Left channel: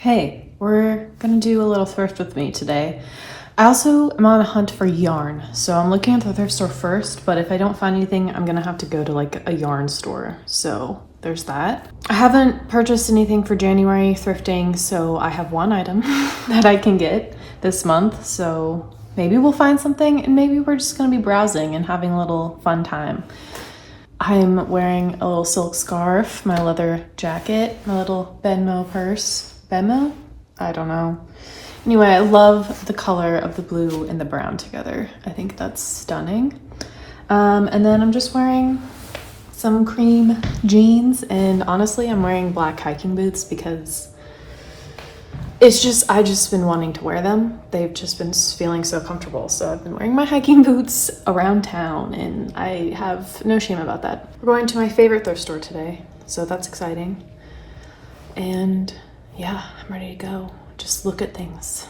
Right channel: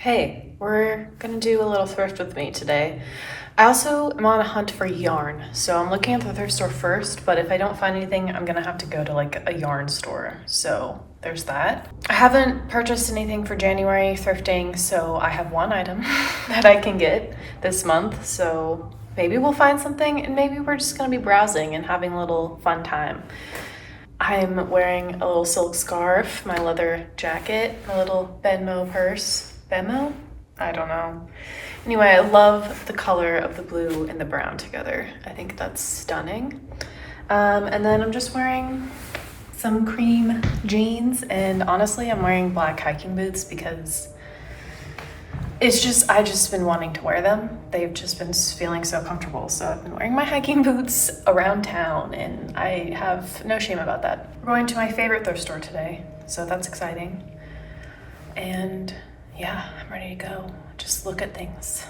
Hey, we're gonna do a little thrift with me today. I also am on a hunt for yarn, so I'm looking at the thrift store first, but if I don't find anything, I'm gonna have to go to like a yarn store. So there's that. I haven't purchased anything for January thrifting, so I have one item that I can get this month, so maybe we'll find something and maybe we're just gonna be browsing and having a little fun time. I'm wearing a little silk scarf, my leather jacket, my little Venmo purse. Venmo? I don't know. Anyway, I love the color of the blue and the brown together. I think that's stunning. And then I'm just wearing some cream jeans, and honestly, I'm wearing black hiking boots because I've just been wanting to wear them. They've just been feeling so comfortable. So I've been wearing my hiking boots around town, and I have no shame about that. We're going to my favorite thrift store today, so that's exciting. And yeah, I'm ready to go. Just look at things.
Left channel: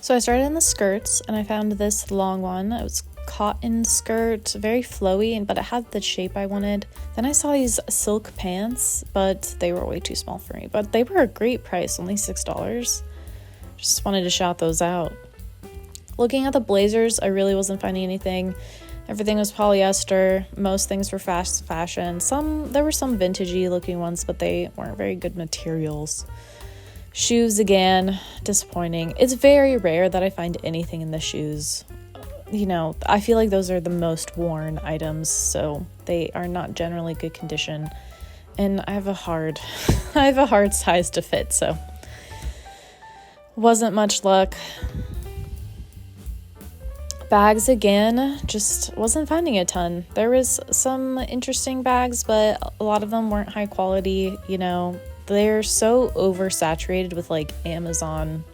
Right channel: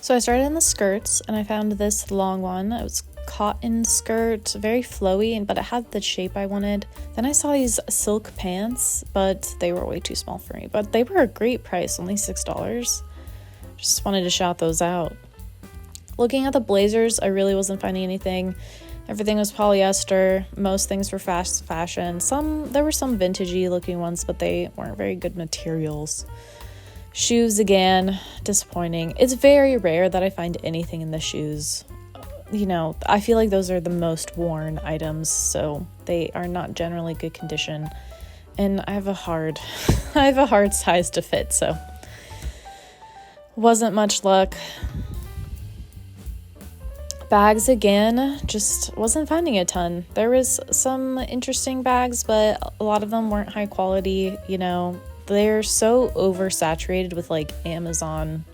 So I started in the skirts and I found this long one. It was cotton skirt, very flowy, but it had the shape I wanted. Then I saw these silk pants, but they were way too small for me. But they were a great price, only $6. Just wanted to shout those out. Looking at the blazers, I really wasn't finding anything. Everything was polyester. Most things were fast fashion. There were some vintagey looking ones, but they weren't very good materials. Shoes, again, disappointing. It's very rare that I find anything in the shoes. You know, I feel like those are the most worn items, so they are not generally good condition. And I have a hard size to fit, so wasn't much luck. Bags, again, just wasn't finding a ton. There was some interesting bags, but a lot of them weren't high quality, you know. They're so oversaturated with like Amazon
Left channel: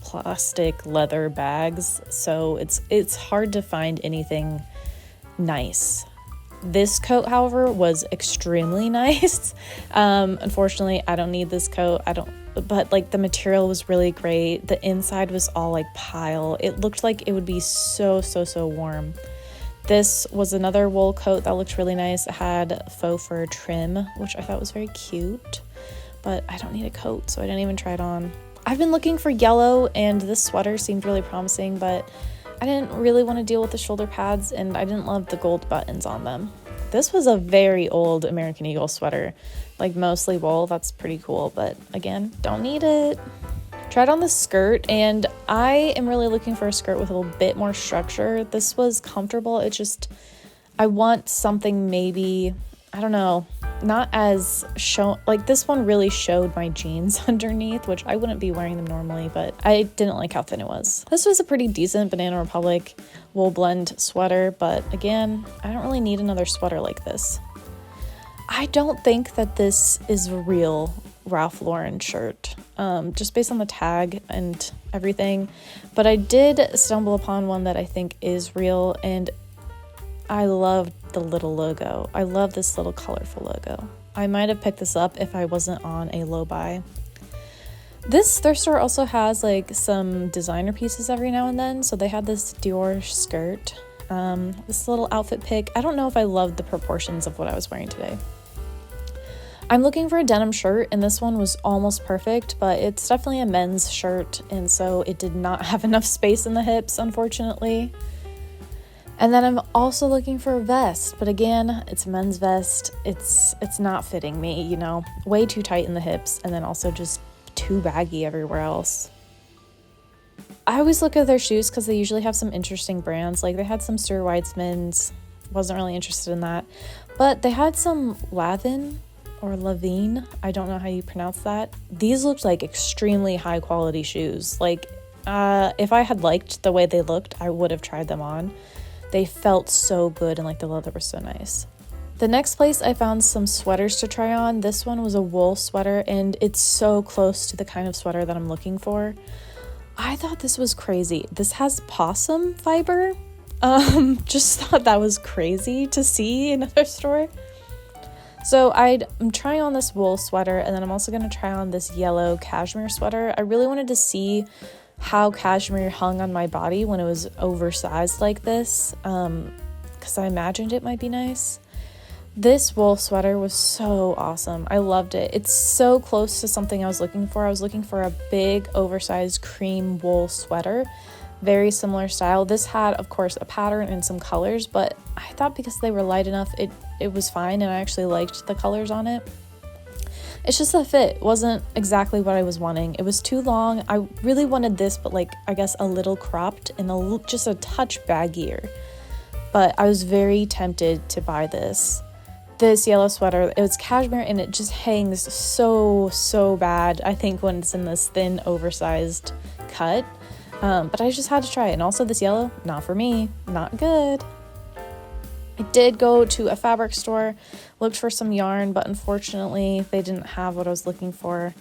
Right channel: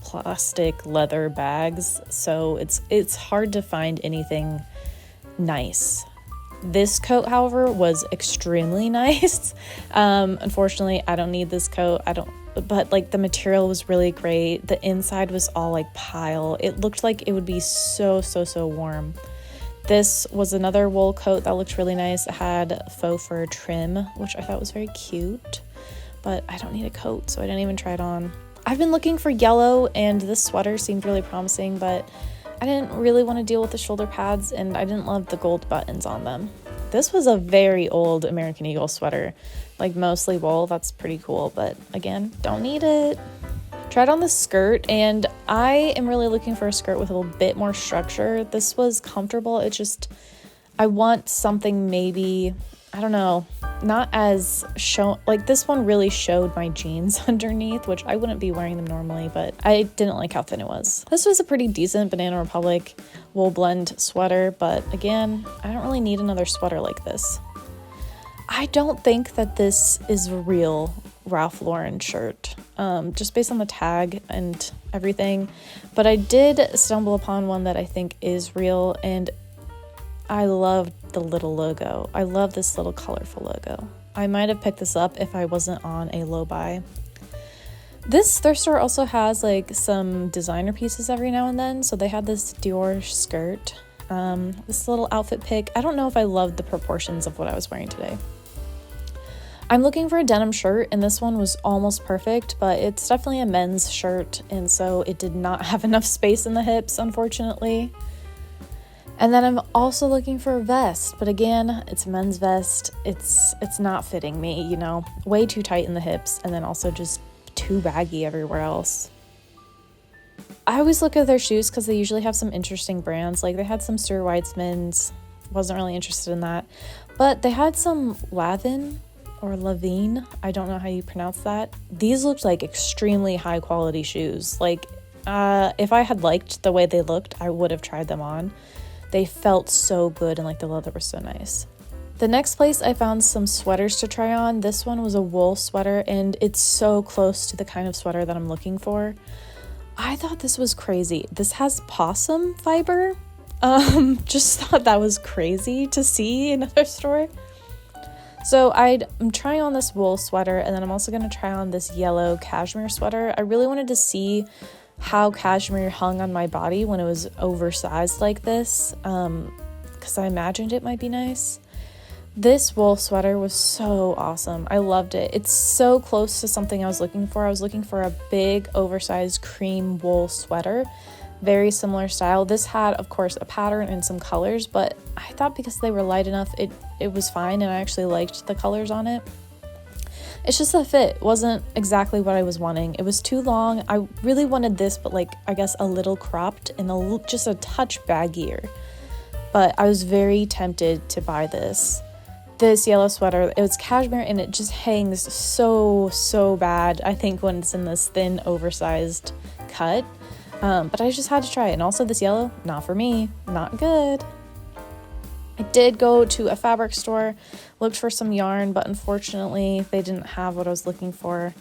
plastic leather bags, so it's hard to find anything nice. This coat, however, was extremely nice. Unfortunately, I don't need this coat. But like the material was really great. The inside was all like pile. It looked like it would be so warm. This was another wool coat that looked really nice. It had faux fur trim, which I thought was very cute. But I don't need a coat, so I didn't even try it on. I've been looking for yellow, and this sweater seemed really promising, but I didn't really want to deal with the shoulder pads, and I didn't love the gold buttons on them. This was a very old American Eagle sweater, like mostly wool. That's pretty cool, but again, don't need it. Tried on the skirt, and I am really looking for a skirt with a little bit more structure. This was comfortable. I want something maybe, I don't know, not as like this one really showed my jeans underneath, which I wouldn't be wearing them normally, but I didn't like how thin it was. This was a pretty decent Banana Republic wool blend sweater, but again, I don't really need another sweater like this. I don't think that this is a real Ralph Lauren shirt, just based on the tag and everything, but I did stumble upon one that I think is real, and I love the little logo. I love this little colorful logo. I might have picked this up if I wasn't on a low buy. This thrift store also has like some designer pieces every now and then. So they had this Dior skirt, this little outfit pick. I don't know if I loved the proportions of what I was wearing today. I'm looking for a denim shirt, and this one was almost perfect, but it's definitely a men's shirt, and so it did not have enough space in the hips, unfortunately. And then I'm also looking for a vest, but again, it's a men's vest. It's not fitting me, you know, way too tight in the hips, and then also just too baggy everywhere else. I always look at their shoes because they usually have some interesting brands. Like they had some Stuart Weitzmans, wasn't really interested in that, but they had some Lavin or Lavine, I don't know how you pronounce that. These looked like extremely high quality shoes. Like if I had liked the way they looked, I would have tried them on. They felt so good, and like the leather was so nice. The next place I found some sweaters to try on. This one was a wool sweater, and it's so close to the kind of sweater that I'm looking for. I thought this was crazy. This has possum fiber. Just thought that was crazy to see in another store. So I'm trying on this wool sweater, and then I'm also going to try on this yellow cashmere sweater. I really wanted to see how cashmere hung on my body when it was oversized like this, because I imagined it might be nice. This wool sweater was so awesome. I loved it. It's so close to something I was looking for. I was looking for a big, oversized cream wool sweater. Very similar style. This had, of course, a pattern and some colors, but I thought because they were light enough, it was fine, and I actually liked the colors on it. It's just the fit wasn't exactly what I was wanting. It was too long. I really wanted this, but like, I guess a little cropped and just a touch baggier. But I was very tempted to buy this yellow sweater. It was cashmere and it just hangs so bad, I think, when it's in this thin, oversized cut. But I just had to try it. And also this yellow, not for me, not good. I did go to a fabric store, looked for some yarn, but unfortunately they didn't have what I was looking for.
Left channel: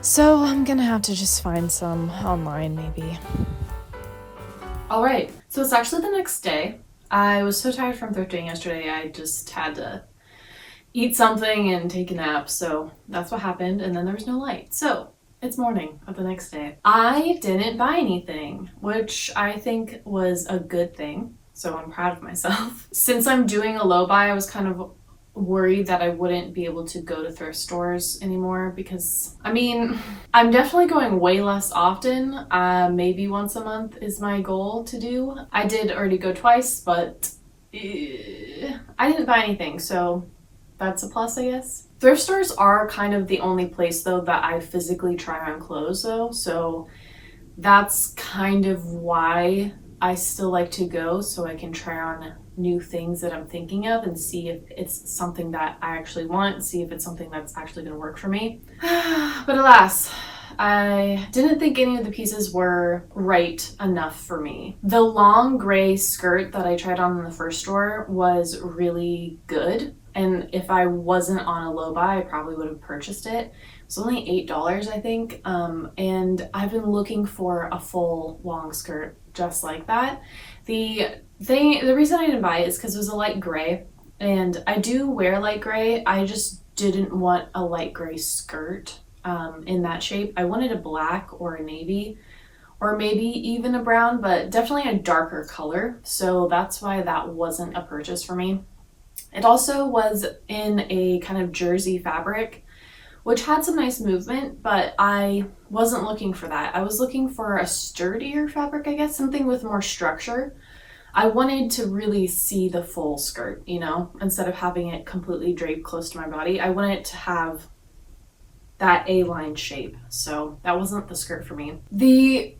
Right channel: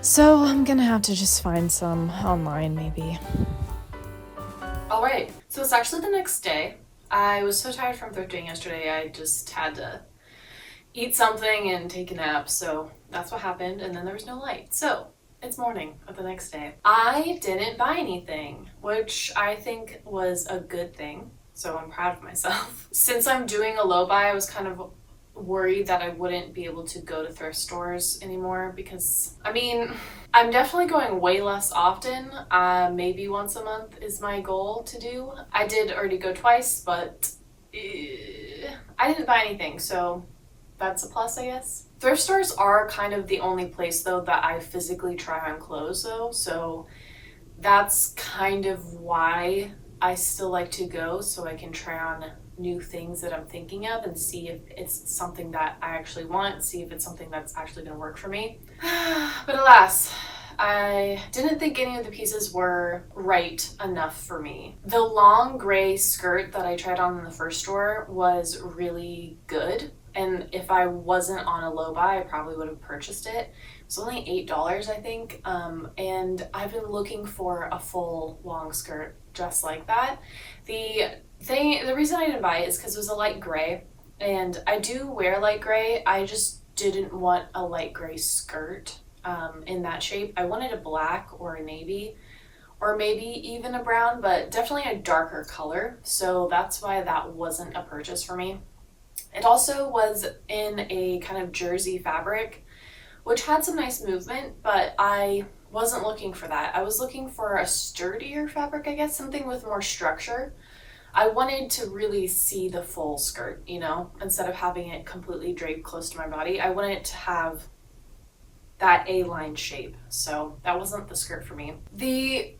So I'm gonna have to just find some online maybe. All right, so it's actually the next day. I was so tired from thrifting yesterday, I just had to eat something and take a nap, so that's what happened, and then there was no light. So it's morning of the next day. I didn't buy anything, which I think was a good thing, so I'm proud of myself. Since I'm doing a low buy, I was kind of worried that I wouldn't be able to go to thrift stores anymore because, I mean, I'm definitely going way less often. Maybe once a month is my goal to do. I did already go twice, but I didn't buy anything, so that's a plus, I guess. Thrift stores are kind of the only place, though, that I physically try on clothes, though, so that's kind of why I still like to go, so I can try on new things that I'm thinking of and see if it's something that I actually want, see if it's something that's actually going to work for me. But alas, I didn't think any of the pieces were right enough for me. The long gray skirt that I tried on in the first store was really good, and if I wasn't on a low buy, I probably would have purchased it. It was only $8, I think, and I've been looking for a full long skirt just like that. The reason I didn't buy it is because it was a light gray, and I do wear light gray. I just didn't want a light gray skirt in that shape. I wanted a black or a navy, or maybe even a brown, but definitely a darker color, so that's why that wasn't a purchase for me. It also was in a kind of jersey fabric, which had some nice movement, but I wasn't looking for that. I was looking for a sturdier fabric, I guess, something with more structure. I wanted to really see the full skirt, you know, instead of having it completely draped close to my body. I wanted it to have that A-line shape, so that wasn't the skirt for me. The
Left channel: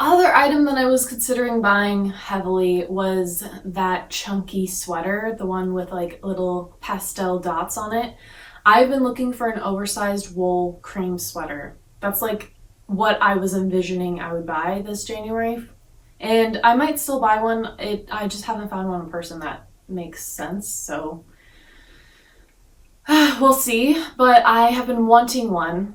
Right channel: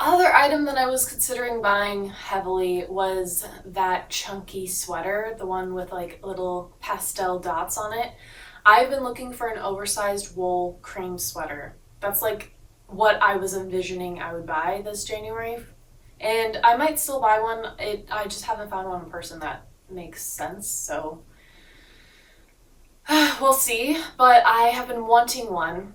other item that I was considering buying heavily was that chunky sweater, the one with like little pastel dots on it. I've been looking for an oversized wool cream sweater. That's like what I was envisioning I would buy this January. And I might still buy one. I just haven't found one in person that makes sense, so we'll see. But I have been wanting one,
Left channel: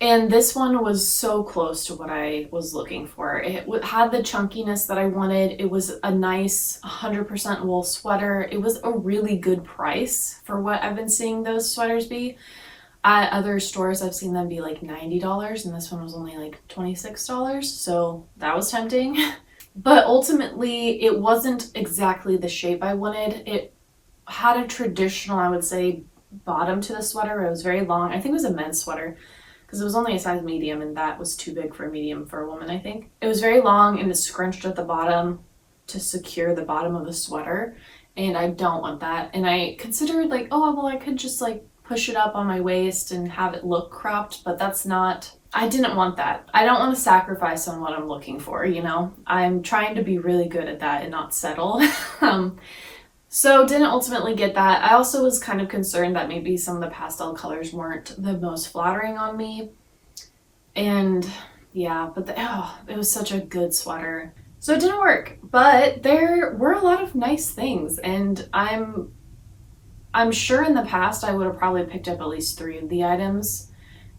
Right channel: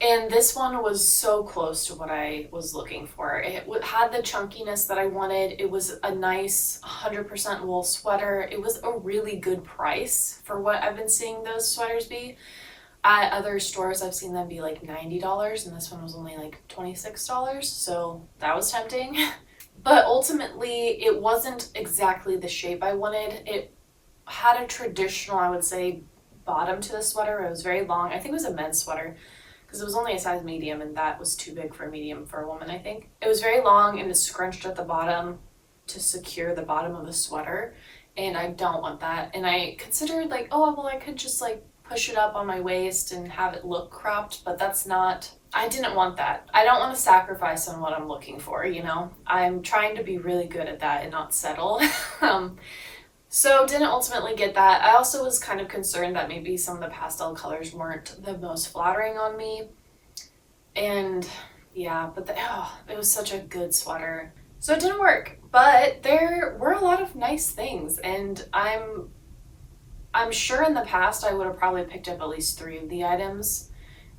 and this one was so close to what I was looking for. It had the chunkiness that I wanted. It was a nice 100% wool sweater. It was a really good price for what I've been seeing those sweaters be. At other stores, I've seen them be like $90, and this one was only like $26, so that was tempting. But ultimately, it wasn't exactly the shape I wanted. It had a traditional, I would say, bottom to the sweater. It was very long. I think it was a men's sweater because it was only a size medium, and that was too big for a medium for a woman, I think. It was very long, and it scrunched at the bottom to secure the bottom of the sweater, and I don't want that. And I considered like, oh, well, I could just like push it up on my waist and have it look cropped, but that's not... I didn't want that. I don't want to sacrifice on what I'm looking for, you know? I'm trying to be really good at that and not settle. So didn't ultimately get that. I also was kind of concerned that maybe some of the pastel colors weren't the most flattering on me. And yeah, but it was such a good sweater. So it didn't work, but there were a lot of nice things, and I'm sure in the past I would have probably picked up at least 3 of the items.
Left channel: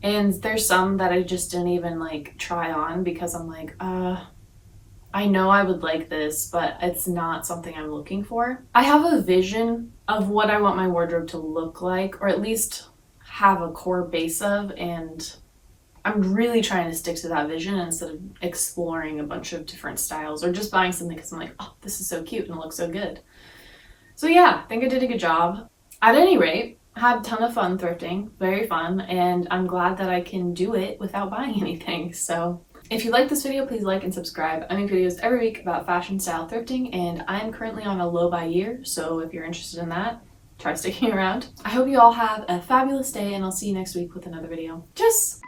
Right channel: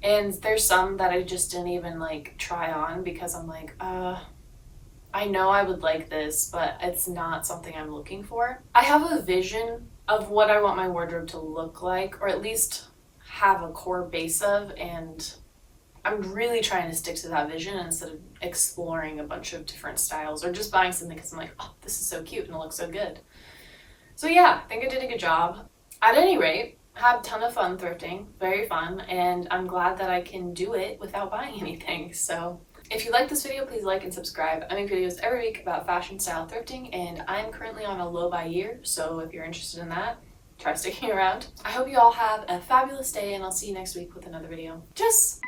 And there's some that I just didn't even like try on because I'm like, I know I would like this, but it's not something I'm looking for. I have a vision of what I want my wardrobe to look like, or at least have a core base of, and I'm really trying to stick to that vision instead of exploring a bunch of different styles or just buying something because I'm like, oh, this is so cute and it looks so good. So yeah, I think I did a good job. At any rate, had a ton of fun thrifting, very fun, and I'm glad that I can do it without buying anything. So if you like this video, please like and subscribe. I make videos every week about fashion, style, thrifting, and I'm currently on a low buy year, so if you're interested in that, try sticking around. I hope you all have a fabulous day, and I'll see you next week with another video. Tschüss!